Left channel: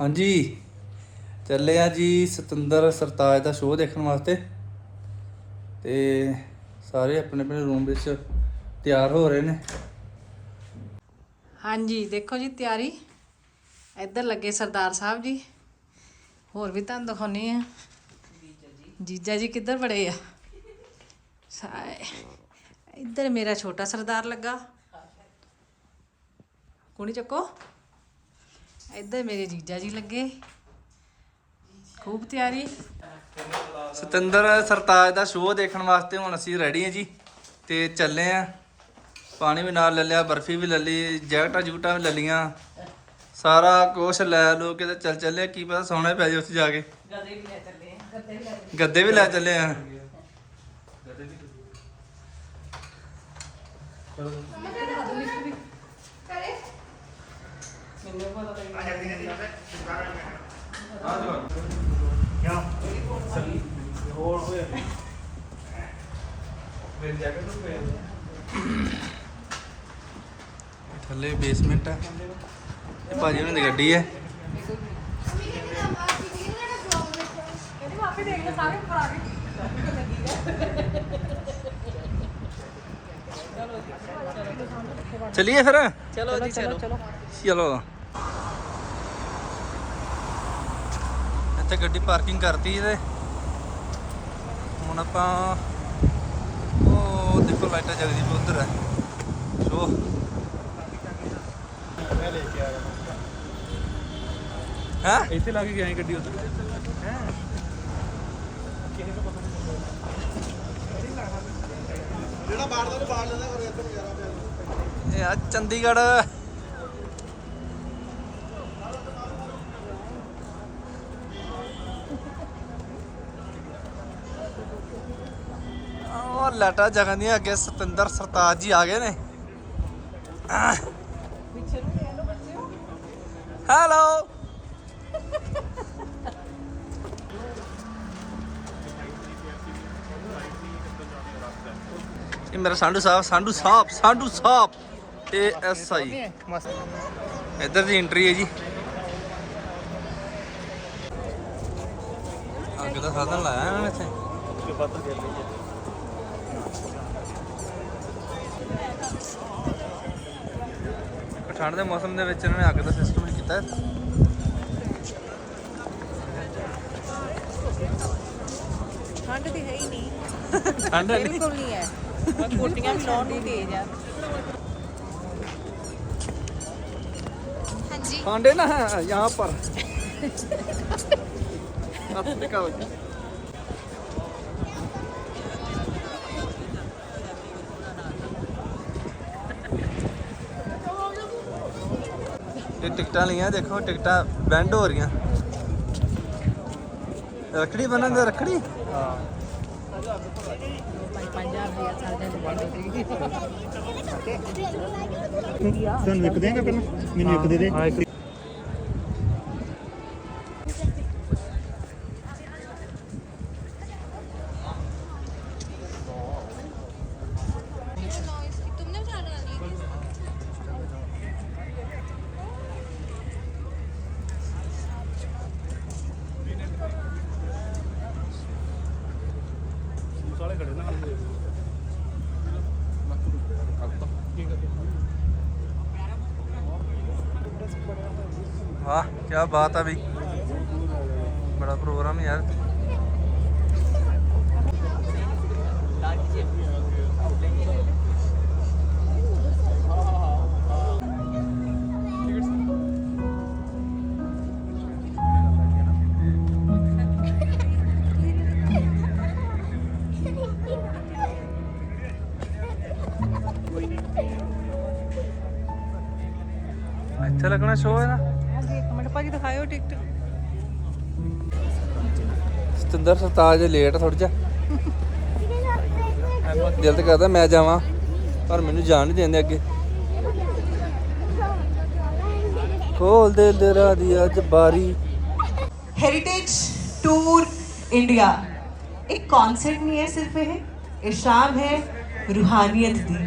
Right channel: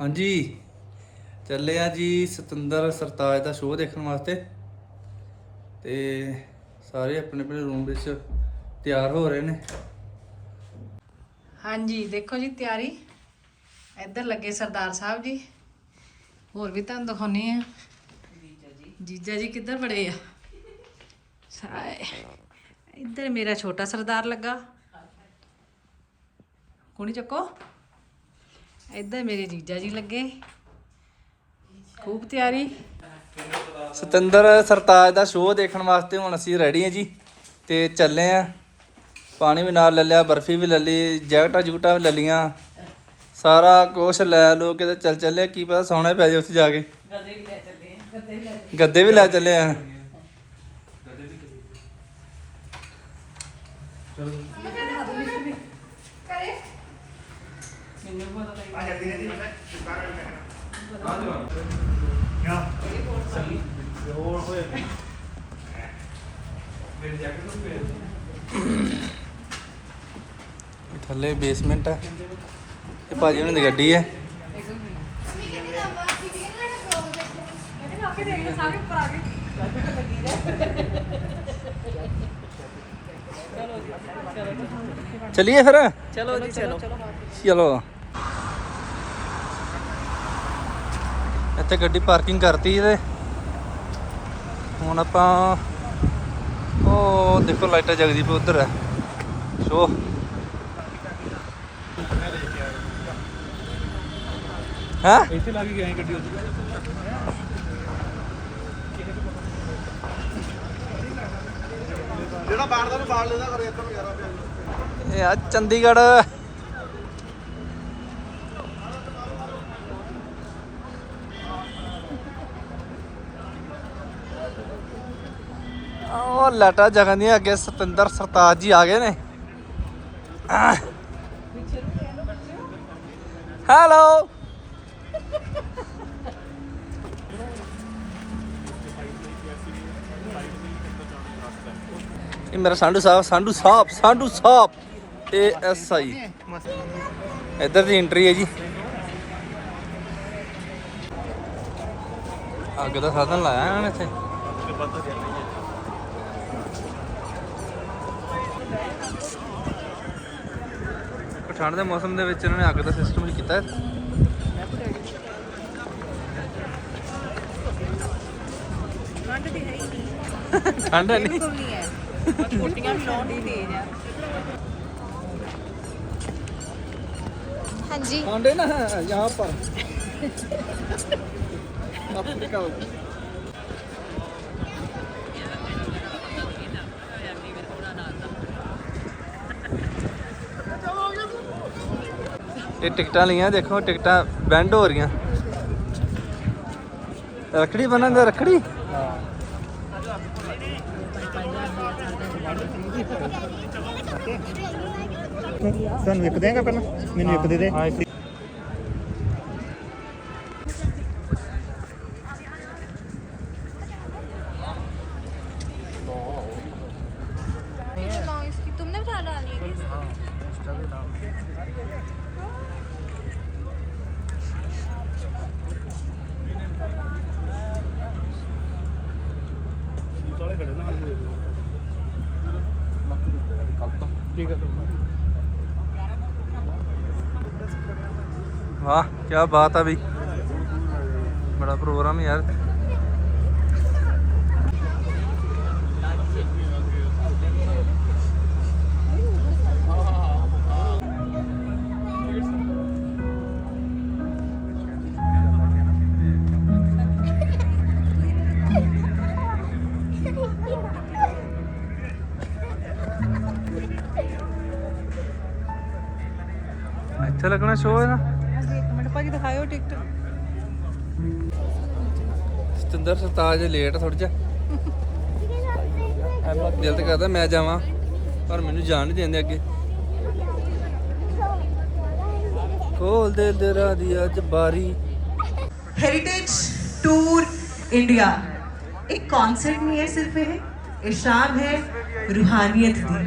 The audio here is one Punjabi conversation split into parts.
ਹਾਂਜੀ। ਚੱਲੇ ਆ ਜੀ ਸਤਿੰਦਰ ਸਰਤਾਜ ਦਾ ਸ਼ੋਅ ਦੇਖਣ ਵਾਸਤੇ। ਤੇ ਸਾਰੇ ਆਪਣੇ ਆਪਣੇ ਰੂਮ ਵਿੱਚ ਤਿਆਰ ਹੋ ਰਹੇ ਨੇ। ਹਾਂਜੀ, ਦੇਖੋ ਜੀ ਤਿਆਰੀ। ਇੱਧਰ ਲੱਗੇ ਸਰਦਾਰ ਸਾਹਿਬ ਜੀ। ਹੋਰ ਵੀ ਤੁਹਾਨੂੰ ਦਿਖਾਉਣੀ ਆ। ਜੀਜਾ ਜੀ ਕਿੱਧਰ ਬੜੇ ਆ? ਇੱਧਰ ਮੇਰਾ ਛੋਟਾ ਸਰਦਾਰ ਲੱਗਾ। ਕੁਣੀ ਚੱਕੋ। ਇੱਧਰ ਮੇਰੇ ਜੀਜਾ ਜੀ ਲੱਗੇ। ਖੂਬ ਤਿਆਰੀ। ਸਤਿੰਦਰ ਸਰਤਾਜ ਦਾ ਸ਼ੋਅ ਦੇਖਣ ਵਾਸਤੇ ਹੁਣ ਅਸੀਂ ਰੈਡੀ ਹਾਂ ਜੀ ਤੇ ਚੱਲੇ ਆ ਪਾਣੀ ਵੀ ਨਾਲ ਲੈ ਲਿਆ ਬਰਫੀ ਵੀ ਲੈ ਲਈ ਜੈਕਟਾਂ ਜੂਟਾਂ ਵੀ ਲੈ ਲੀਆਂ ਸਾਰਾ ਕੁਛ ਲੈ ਲੋ ਕੇ ਤੇ ਚੱਲ ਚੱਲੇ ਕੀ ਪਤਾ ਸੌਣਾ ਪੈ ਜਾਏ ਉੱਥੇ ਜਾ ਕੇ। ਗੱਦੇ ਵੀ ਲੈ ਚੱਲੇ ਆ ਇਹ ਥੱਲੇ ਬੇਸਮੈਂਟ ਹੈ ਇਹ ਭਾਜੀ ਉਹਨਾਂ ਦੀ ਗੱਡੀ ਹੈ ਚਲਿਏ ਫਿਰ ਚਲੋ ਜੀ ਚਲੋ ਚਲੋ ਇੱਥੇ ਗੱਡੀ ਪਾਰਕਿੰਗ ਕਰਤੀ ਤੇ ਹੁਣ ਆਪਾਂ ਉਹ ਦੇਖੋ ਲਾਈਟਾਂ ਜਗਦੀ ਪਈ ਉਧਰ ਹੈ। ਸ਼ੋ ਹਾਂ? ਇੱਥੇ ਲਾ ਕੇ ਗਏ ਗੱਡੀ ਉੱਧਰ। ਇਹ ਆ ਚੰਡੀਗੜ੍ਹ ਉਹ ਲਾਟਾ ਜਗਨ ਅੱਗੇ ਸਤਿੰਦਰ, ਸਰਤਾਜ ਜੀ ਆ ਗਏ ਨੇ। ਹੈਲੋ। ਇਹ ਮੇਰਾ ਸਾਂਢੂ ਸਾਹਿਬ ਸਾਂਢੂ ਸਾਹਿਬ ਸਾਂਢੂ ਸਾਹਿਬ। A S I. ਇੱਧਰ ਦੀ ਐਂਟਰੀ ਹੈ ਜੀ। ਅੱਗ ਦਾ ਸਾਧਨ ਲਾਇਆ ਇਹਨਾਂ ਨੇ ਇੱਥੇ। ਠੰਡ ਦੇ ਮੌਸਮ ਦੇ ਵਿੱਚ ਇਹਨਾਂ ਨੇ ਅੱਗ ਦਾ ਸਿਸਟਮ ਨਹੀਂ ਕੀਤਾ ਠੰਡ ਦੀ ਹੈ ਹੀ ਨਹੀਂ। ਠੰਡ ਨਹੀਂ। ਬਿਲਕੁਲ ਨਹੀਂ ਹੈ। ਕੋਟੀਆਂ ਲਾਉਣ ਤੇਜ਼ ਆ ਹਾਂਜੀ। ਕਾਂਡੇ ਨਾ ਯਹਾਂ ਪਰ। ਅਫਰੀਕਾ ਵਿੱਚ ਇਹ ਟਿਕਟਾਂ ਲਈਆਂ ਦੇਖੋ ਟਿਕਟਾਂ ਬੈਂਡ ਹੋ ਰਹੀਆਂ। ਰਖੜੀ ਬਣਾਉਂਦੇ ਰਖੜੀ? ਹਾਂ ਸਾਨੂੰ ਇੱਕ ਦੇਗਾ ਪਹਿਲਾਂ? ਮੈਨੂੰ ਇੱਕ ਦੇ ਦੇ। ਸਾਲੇ ਖੜੇ ਨਾ ਠੀਕ ਹੈ ਵਾਹ ਕੀ ਬਾਤ ਆ ਬਈ ਬੜਾ ਪ੍ਰੋਗਰਾਮ ਯਾਰ। ਇੱਥੇ ਲੱਗਣਾ ਸ਼ੋਅ ਹੈ ਨਾ ਹਾਂਜੀ ਇੱਕ ਮਿੰਟ ਭਾਜੀ ਦਿਖਾਇਓ ਟਿਕਟ। ਸਤਿੰਦਰ ਸਰਤਾਜ ਲੇਟ ਥੋੜਾ ਜਿਹਾ। ਦਿਲ ਤੇ ਕਰਦਾ ਮੈਂ ਜਾਵਾਂ ਪਰ ਮੈਨੂੰ ਜਾਣ ਨਹੀਂ ਦਿੰਦੇ ਅੱਗੇ। ਖੋਲ ਦੇ ਦਿਲਾਂ ਦੀ ਅੱਜ ਬਾਰੀ। ਹੈਰੀਟੇਜ ਟੂਰ ਇੰਡੀਆ ਇੱਕ ਕਨਸਰਟ ਨਹੀਂ ਹੈ ਸਿਰਫ ਇਹ ਇਹ ਸ਼ਾਮ ਹੈ ਰੂਹਾਨੀਅਤ ਦੀ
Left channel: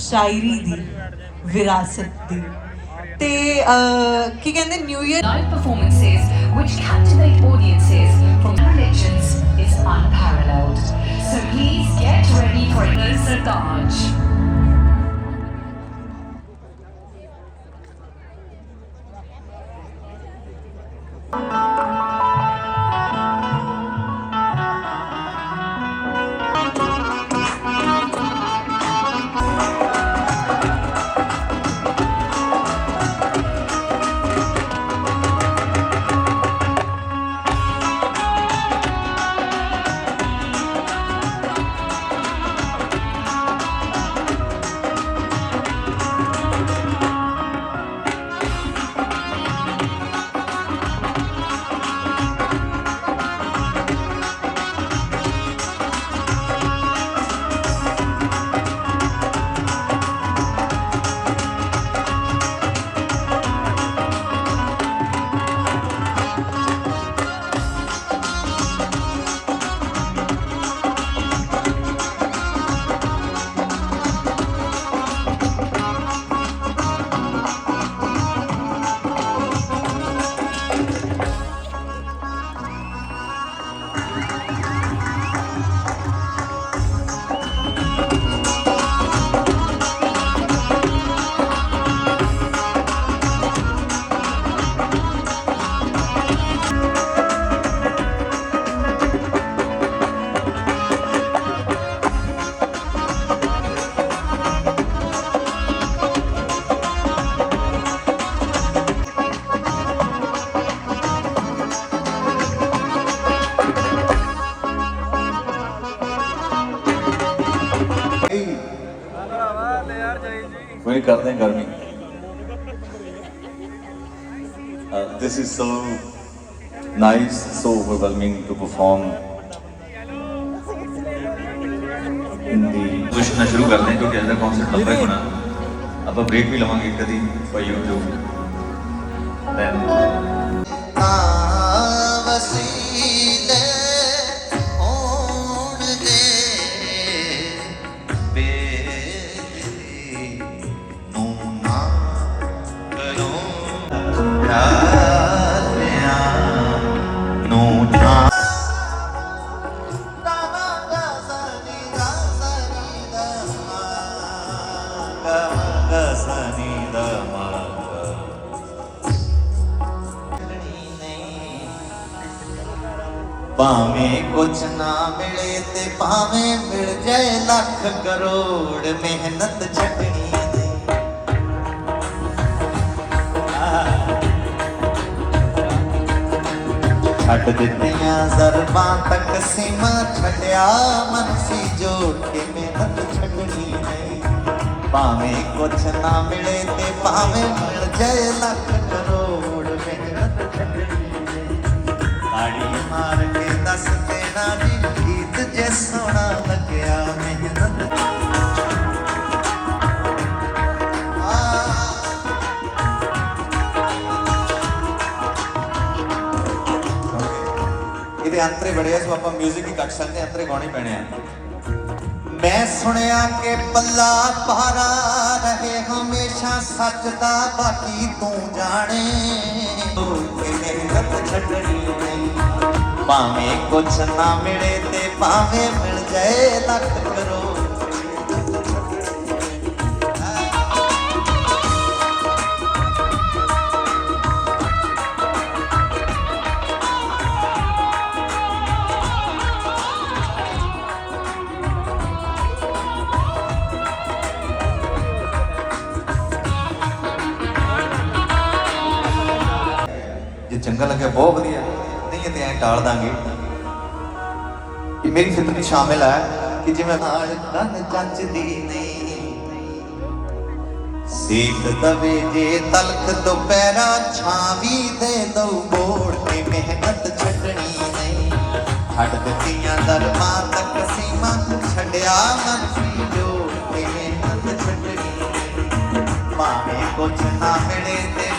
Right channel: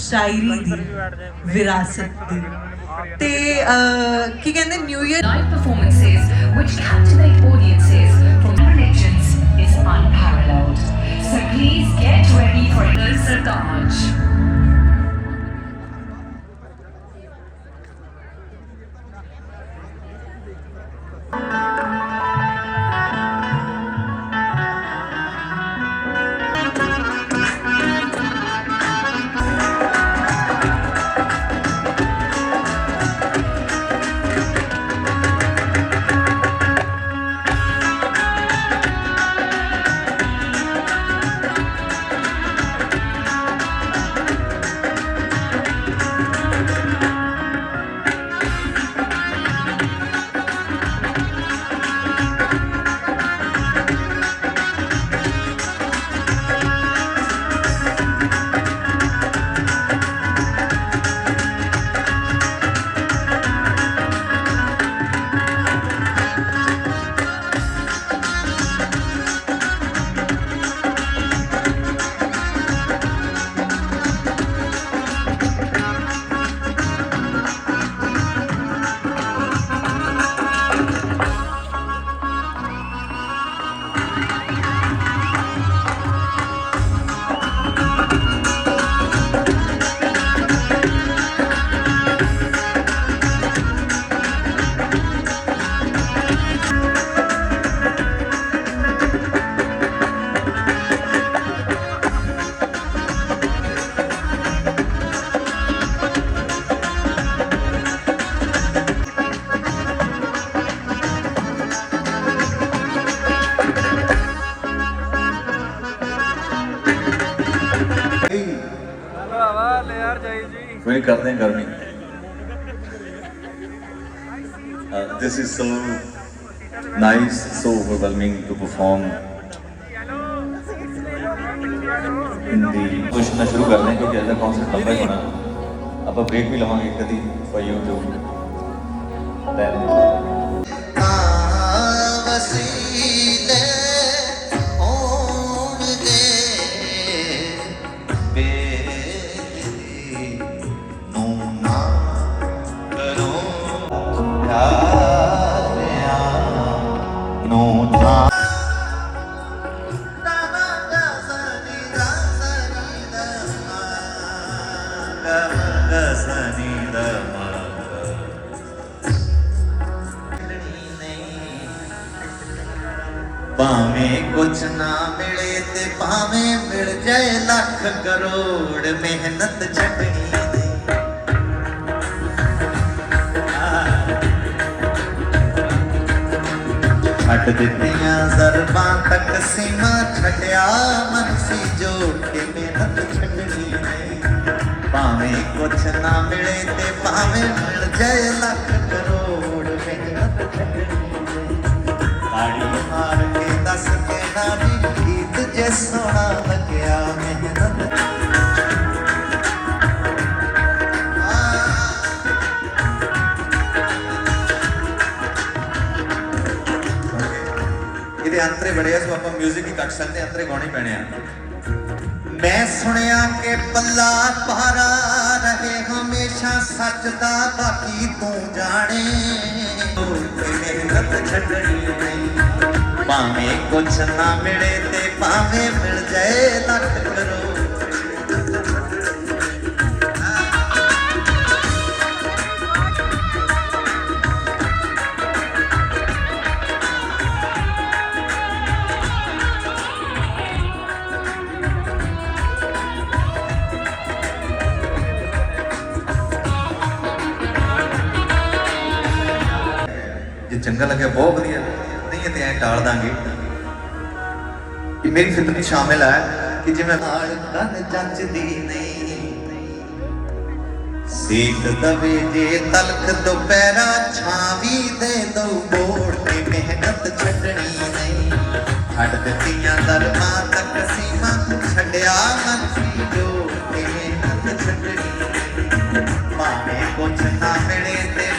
ਸ਼ਾਇਰੀ ਦੀ ਵਿਰਾਸਤ ਦੀ। ਤੇ ਅਹ, ਕੀ ਕਹਿੰਦੇ new year live performances which captivate audiences from religions is unparalleled. So please get ready for the Sartaj. करते हैं गर्मी। This is so nice so overwhelming to perform शुरू कर दें, क्योंकि अदर कॉन्सर्ट बंद अब तो ब्रेक भी लवेंगे कभी फॉर यू टू देन ਭਾਵੇਂ ਕੁਛ ਨਾ ਮਿਲੇ ਤੇ ਭਾਵੇਂ ਮਿਲ ਜਾਏ ਲੱਖ ਕਰੋੜ ਮਿਹਨਤ ਛੱਡਣੀ ਨਹੀਂ ਛੱਡ ਦਿੱਤੀਆਂ ਜ਼ਰਬਾਂ ਤੱਕ ਸੀਮਾ ਛੱਡਿਆ ਮਨ ਸੀ ਜੋੜ ਕੇ ਮਿਹਨਤ ਛੱਡਣੀ ਨਹੀਂ ਭਾਵੇਂ ਕੁਛ ਨਾ ਮਿਲੇ ਤੇ ਭਾਵੇਂ ਮਿਲ ਜਾਏ ਲੱਖ ਕਰੋੜ ਮਿਹਨਤ ਛੱਡਣੀ ਨਹੀਂ ਤਾੜੀ ਮਾਰ ਕੇ ਦੱਸ ਦੇਣਾ ਵੀ ਗੀਤ ਜੇ ਸੋਹਣਾ ਲੱਗਿਆ ਮਿਹਨਤ ਇਹਦੇ ਅੰਤਰੇ ਬੜੇ ਆ ਸੋ ਆਪਾਂ 뮤직 ਹੀ ਕੱਟ ਸਕਦੇ ਹਾਂ, ਅੰਤਰੇ ਗਾਉਣੇ ਪੈਣੇ ਆ। ਮੈਂ ਸੁਣਿਆ ਕਿ ਪੱਲਾ ਪਾਰਾ ਰਹੇ, ਹਮੇਸ਼ਾ ਸੱਚ ਦਾ ਬਾਕੀ ਤੂੰ ਜਾਣੇ। ਮਿਹਨਤ ਛੱਡਣੀ ਨਹੀਂ। ਭਾਵੇਂ ਕੁਛ ਨਾ ਮਿਲੇ ਤੇ ਭਾਵੇਂ ਮਿਲ ਜਾਏ ਲੱਖ ਦਾਂਗੇ ਇਹ ਮੇਰੀ ਫਿਤਰਤ ਸ਼ਾਮਿਲ ਹੈ ਕਿ ਜਿਵੇਂ ਨਾਲ ਕੰਨ ਜੱਜਦੀ ਨਹੀਂ ਸੀਤ ਦਵੇ ਜੇ ਤਲਖ ਦੁਪਹਿਰਾ ਛਾਂ ਵੀ ਦੇ ਦਊ ਬੋੜ ਕੇ ਮਿਹਨਤ ਛੱਡਣੀ ਨਹੀਂ ਛੱਡ ਦਿੱਤੀਆਂ ਦਰਮਾਂ ਤੱਕ ਸੀਮਾ ਛੱਡਿਆ ਮਨ ਸੀ ਜੋੜ ਕੇ ਮਿਹਨਤ ਛੱਡਣੀ ਨਹੀਂ ਭਾਵੇਂ ਕੁਛ ਨਾ ਮਿਲੇ ਤੇ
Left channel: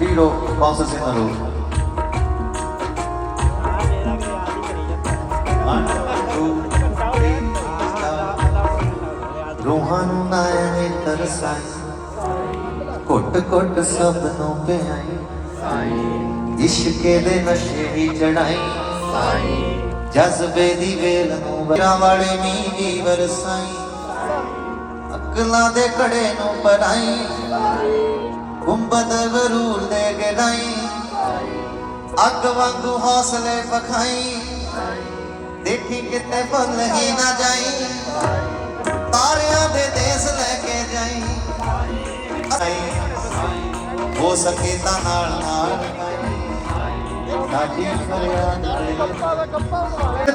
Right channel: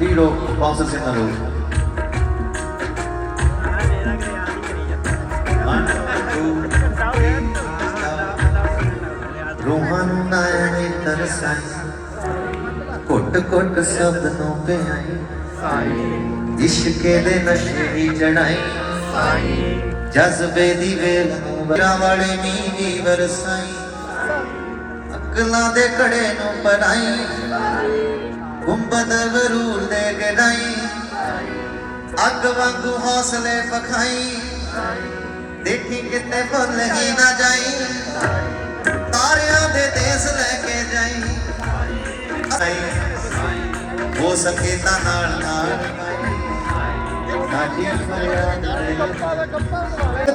Hero, pauses in a stop. ਰੂਹਾਂ ਤਰਸਾਈ। ਘੁੱਟ ਘੁੱਟ ਸਭ ਨੂੰ ਪਿਆਈ। ਇਸ਼ਕੇ ਦੇ ਨਸ਼ੇ ਹੀ ਚੜਾਈ ਜਜ਼ਬੇ ਦੀ ਵੇਲ ਨੂੰ ਵਰਾਂ ਵਾਲੇ ਮੀਂਹ ਵਰਸਾਈ। ਅਕਲਾਂ ਦੇ ਘੜੇ ਨੂੰ ਪੜਾਈ ਗੁੰਬਦ ਵਰੂਲ ਦੇ ਗੜਾਈ ਅੱਗ ਵਾਂਗੂ ਹੌਸਲੇ ਪਖਾਈ ਦੇਖੀ ਕਿਤੇ ਭੁੱਲ ਹੀ ਨਾ ਜਾਈ। ਤਾਰਿਆਂ ਦੇ ਦੇਸ ਲੈ ਕੇ ਜਾਈ। ਹੋ ਸਕੇ ਤਾਂ ਨਾਲ ਨਾਲ। ਸਾਡੀ ਫਰਿਆਦ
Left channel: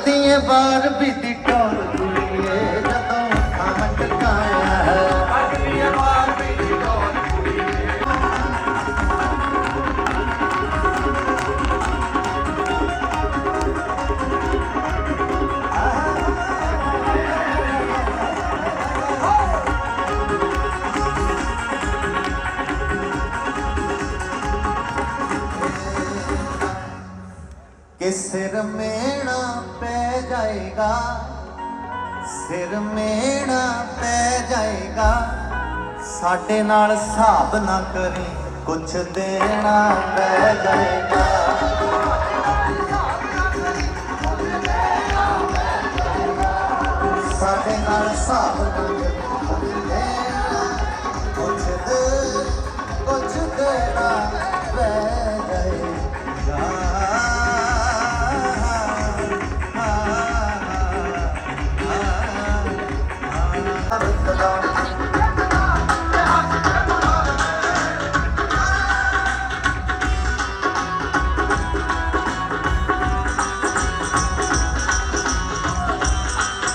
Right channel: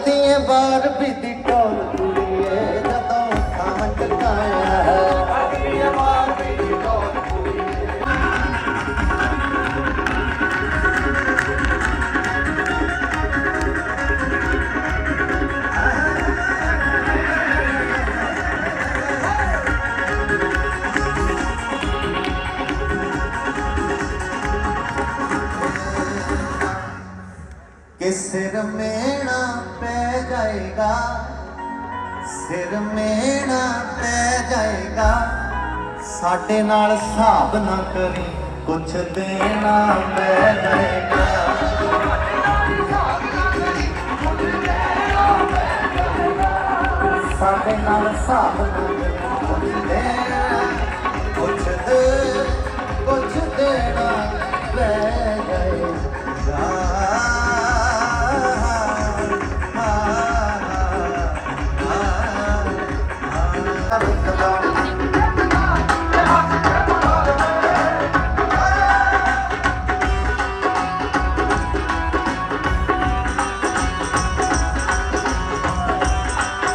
ਦੀਆਂ ਬਾਰ ਬੀਤੀ ਟੋਲ। ਸਾਡੇ ਨਾਲ ਹਿਸਾਬ ਨਾ ਕਰੀ। ਕੁਛ ਦੇਣਾ ਪੈ ਜਾਏਗਾ।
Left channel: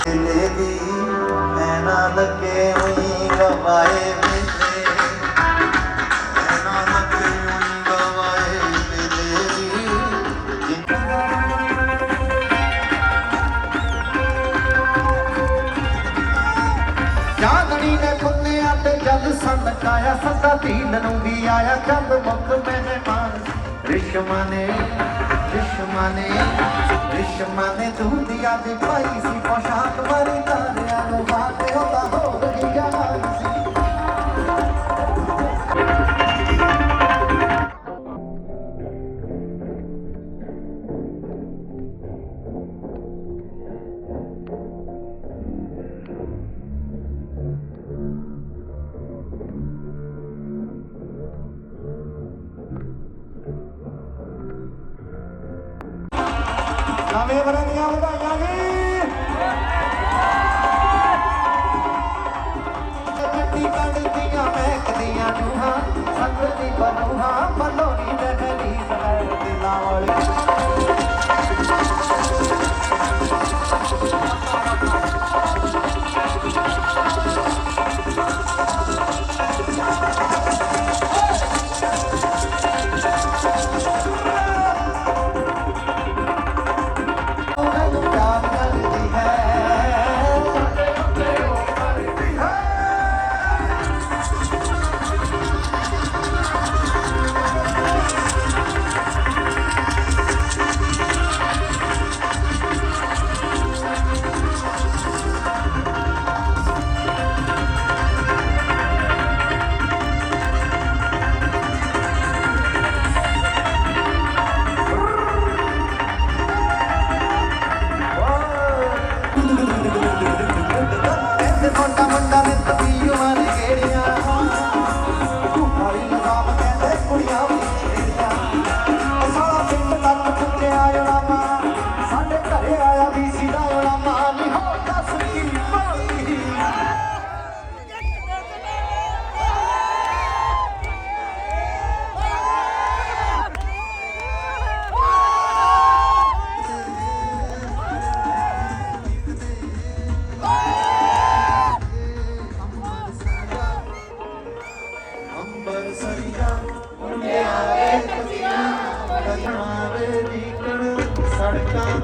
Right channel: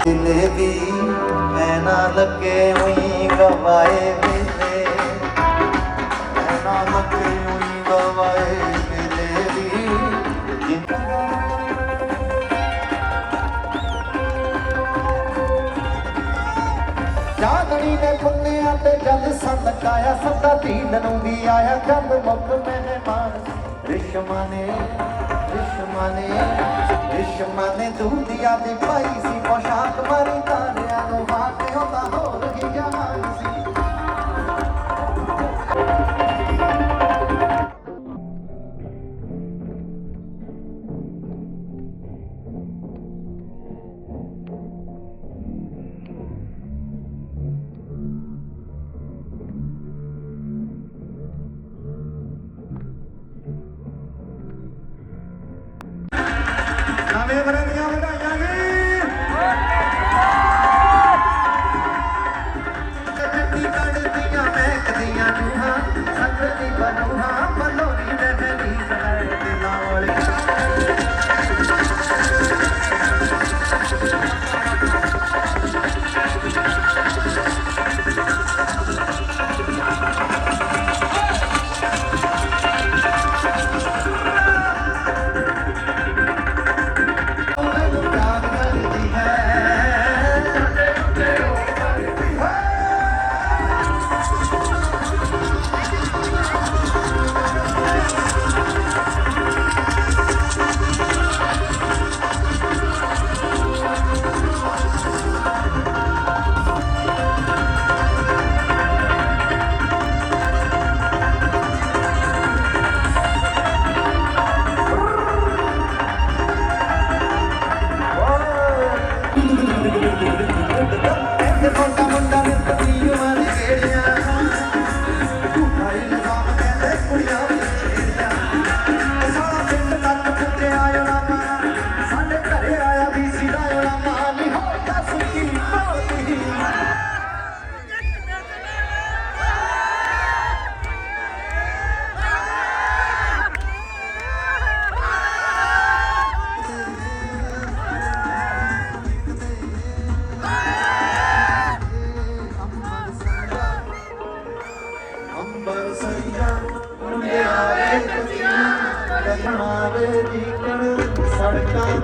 ਦਿਲੇ ਵੀ ਨਾ ਲੱਗੇ ਵੀ ਗਵਾਏ ਮਿਲੇ ਮੈਂ ਨਾ ਲੱਗੇ ਵੀ ਗਵਾਏ ਮਿਲੇ ਵੀ। ਚਾਂਦਨੀ ਦੇ ਖੁੱਲਿਆਂ ਤੇ ਜਦ ਸੰਦਕਾਇਆ ਸਦਾ ਦੀਨ ਨੂੰ ਆਇਆ। ਜਦ ਮੁੱਕ ਮਹਿਮਾਨ ਰਿਸ਼ਮਾ ਨੇ ਰਿਸ਼ਮਾ ਨੇ ਰਿਸ਼ਮਾ ਨੇ ਦੂਧੀਆ ਦੀ ਪਾਈ ਸੀ ਪੋਸ਼ਾਕ ਮਾਰੀ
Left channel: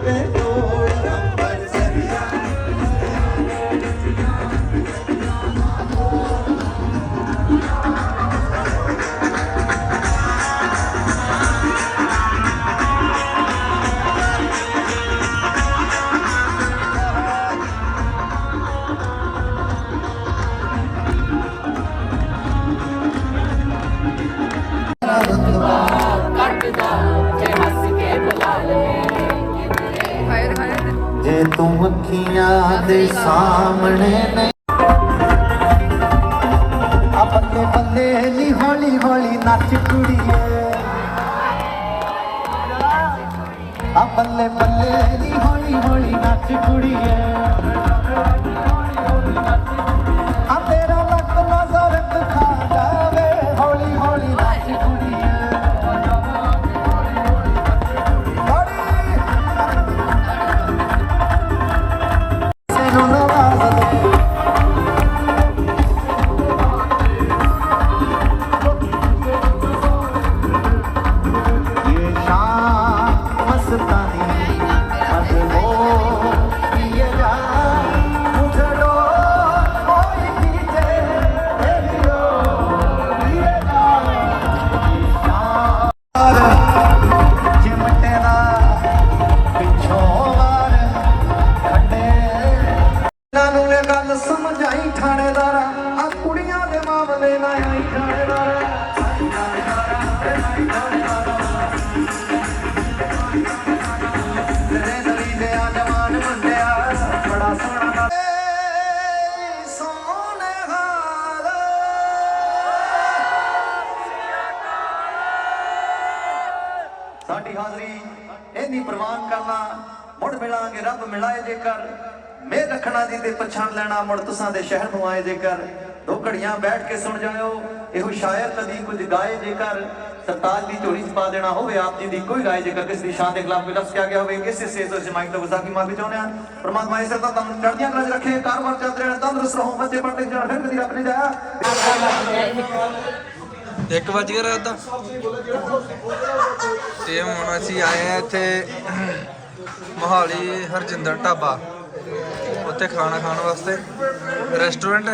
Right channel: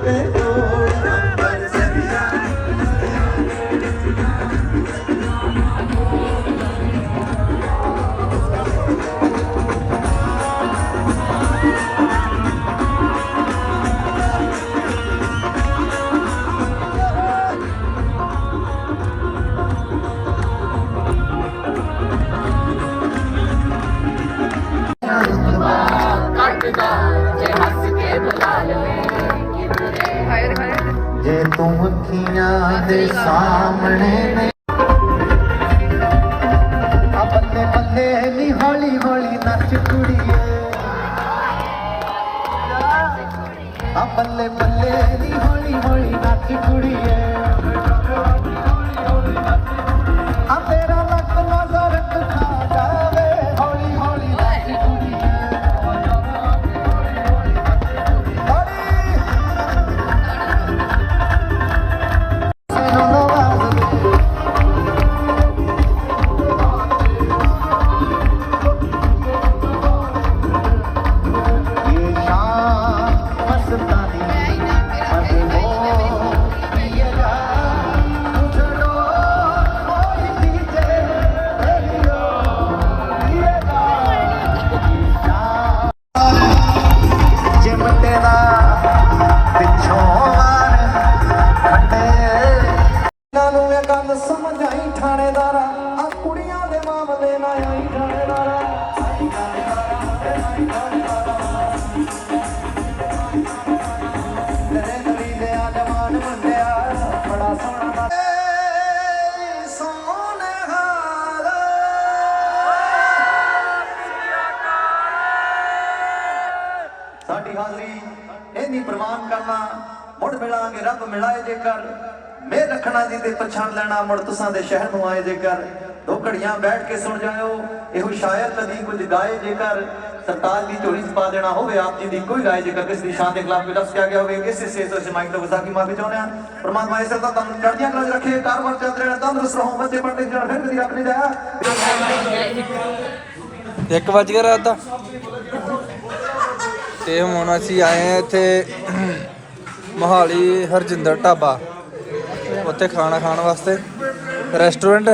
Yeah. ਸਾਹਮਣੇ ਨੇ। ਆ ਬੱਲੇ ਬੱਲੇ ਨੀ ਹੌਲੀ ਹੌਲੀ ਨੱਚ ਕੁੜੀਏ। ਆ ਬੱਲੇ ਬੱਲੇ ਨੀ ਹੌਲੀ ਹੌਲੀ ਨੱਚ ਕੁੜੀਏ। ਮਿਲਾਂਗੇ, ਰੱਬ ਮਿਲਾਏ ਜੇਕਰ। ਮੇਰ ਰੱਖਣਾ ਜੀ ਤੇ ਪਛਾਣ ਲੈਣਾ ਮੁੜ ਤੁਸਾਂ ਦੇ ਸ਼ਹਿਰ ਨੂੰ ਆਏ ਜੇਕਰ। ਦੋ ਘੜੀਆਂ ਬੈਠ ਕੇ ਸੁਣ ਜਾਇਓ, ਇਹੋ ਸ਼ਾਇਰ ਕਦੀ ਕੁਝ ਗਾਏ ਜੇਕਰ। ਸਰਤਾਜ ਦੀ ਝੋਲੀ 'ਚ ਪਾ ਦੇਣਾ ਹੋਵੇ, ਆਪ ਜੀ ਦੀ ਕੋਈ ਰਾਏ ਜੇਕਰ, ਕਿਸ ਦੀ ਸ਼ਾਨ ਦੇ ਖਿਲਾਫ ਕੋਈ ਲਫ਼ਜ਼ ਕਿਹਾ ਗਿਆ ਹੋਵੇ, ਕਿਸੇ ਸੇ ਤੋਂ ਮਾਈਕ ਤੋਂ ਵਿਸਾਖੀ ਮਾਫੀ ਚਾਹੁੰਦੇ ਆ ਪਰਮਾਤਮਾ ਇਸ ਤਰ੍ਹਾਂ ਤੁਹਾਨੂੰ ਚੜ੍ਹਦੀਆਂ ਕਲਾ ਰੱਖੇ, ਕਾਰੋਬਾਰ ਚੱਲਦੇ ਰਹਿਣਾ ਤੰਦਰੁਸਤ ਰਹੋ, ਬੱਚੇ ਪੜ੍ਹਦੇ ਜਾਣ ਫਿਰ ਕਦੀ ਰੱਬ ਜਾਇਆ ਇੱਕ ਵੱਜ ਗਿਆ ਰਾਤ ਦਾ। ਤੇ ਹੁਣ ਅਸੀਂ ਆਏ ਆ ਇੱਥੇ ਮੋਹਾਲੀ ਹਰਜਿੰਦਰ ਢਾਬਾ। ਉੱਥੇ ਖਾਣਾ ਖਾਣ ਵਾਸਤੇ ਰੈਸਟੋਰੈਂਟ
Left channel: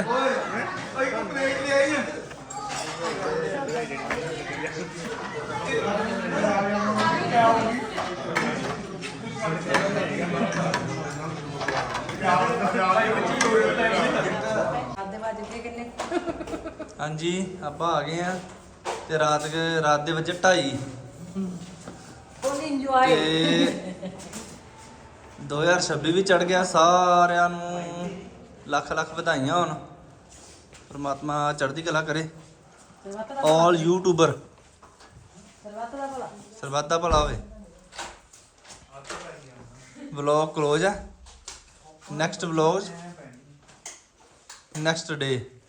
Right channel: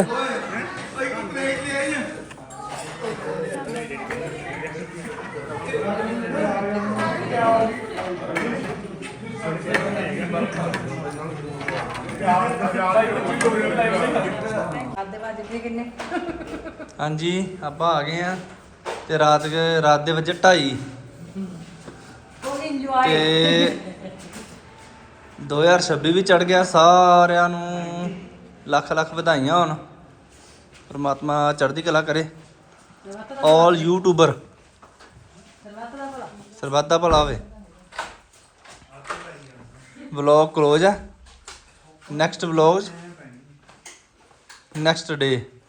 ਹਾਂਜੀ ਆਪਾਂ ਆ ਗਏ ਆ ਤੇ ਰਾਤ ਦੇ ਰਾਤ ਦੇ ਵਜੇ 2:30 ਤੇ 2026 ਵੀ ਚੜ ਗਿਆ ਸਾਰਿਆਂ ਨੂੰ। ਲੱਖ ਲੱਖ ਵਧਾਈਆਂ ਹੋਣ। ਪਰਮਾਤਮਾ ਚੜ੍ਹਦੀ ਕਲਾ ਕਰੇ। ਆਲ ਯੂਟਿਊਬਰ ਸਰਬੱਤ ਦਾ ਭਲਾ ਹੋਵੇ। ਵਲੌਗ ਕਲੋਜ਼ ਹੈ ਨੈਕਸਟ ਵਲੌਗ ਨੈਕਸਟ ਡੇ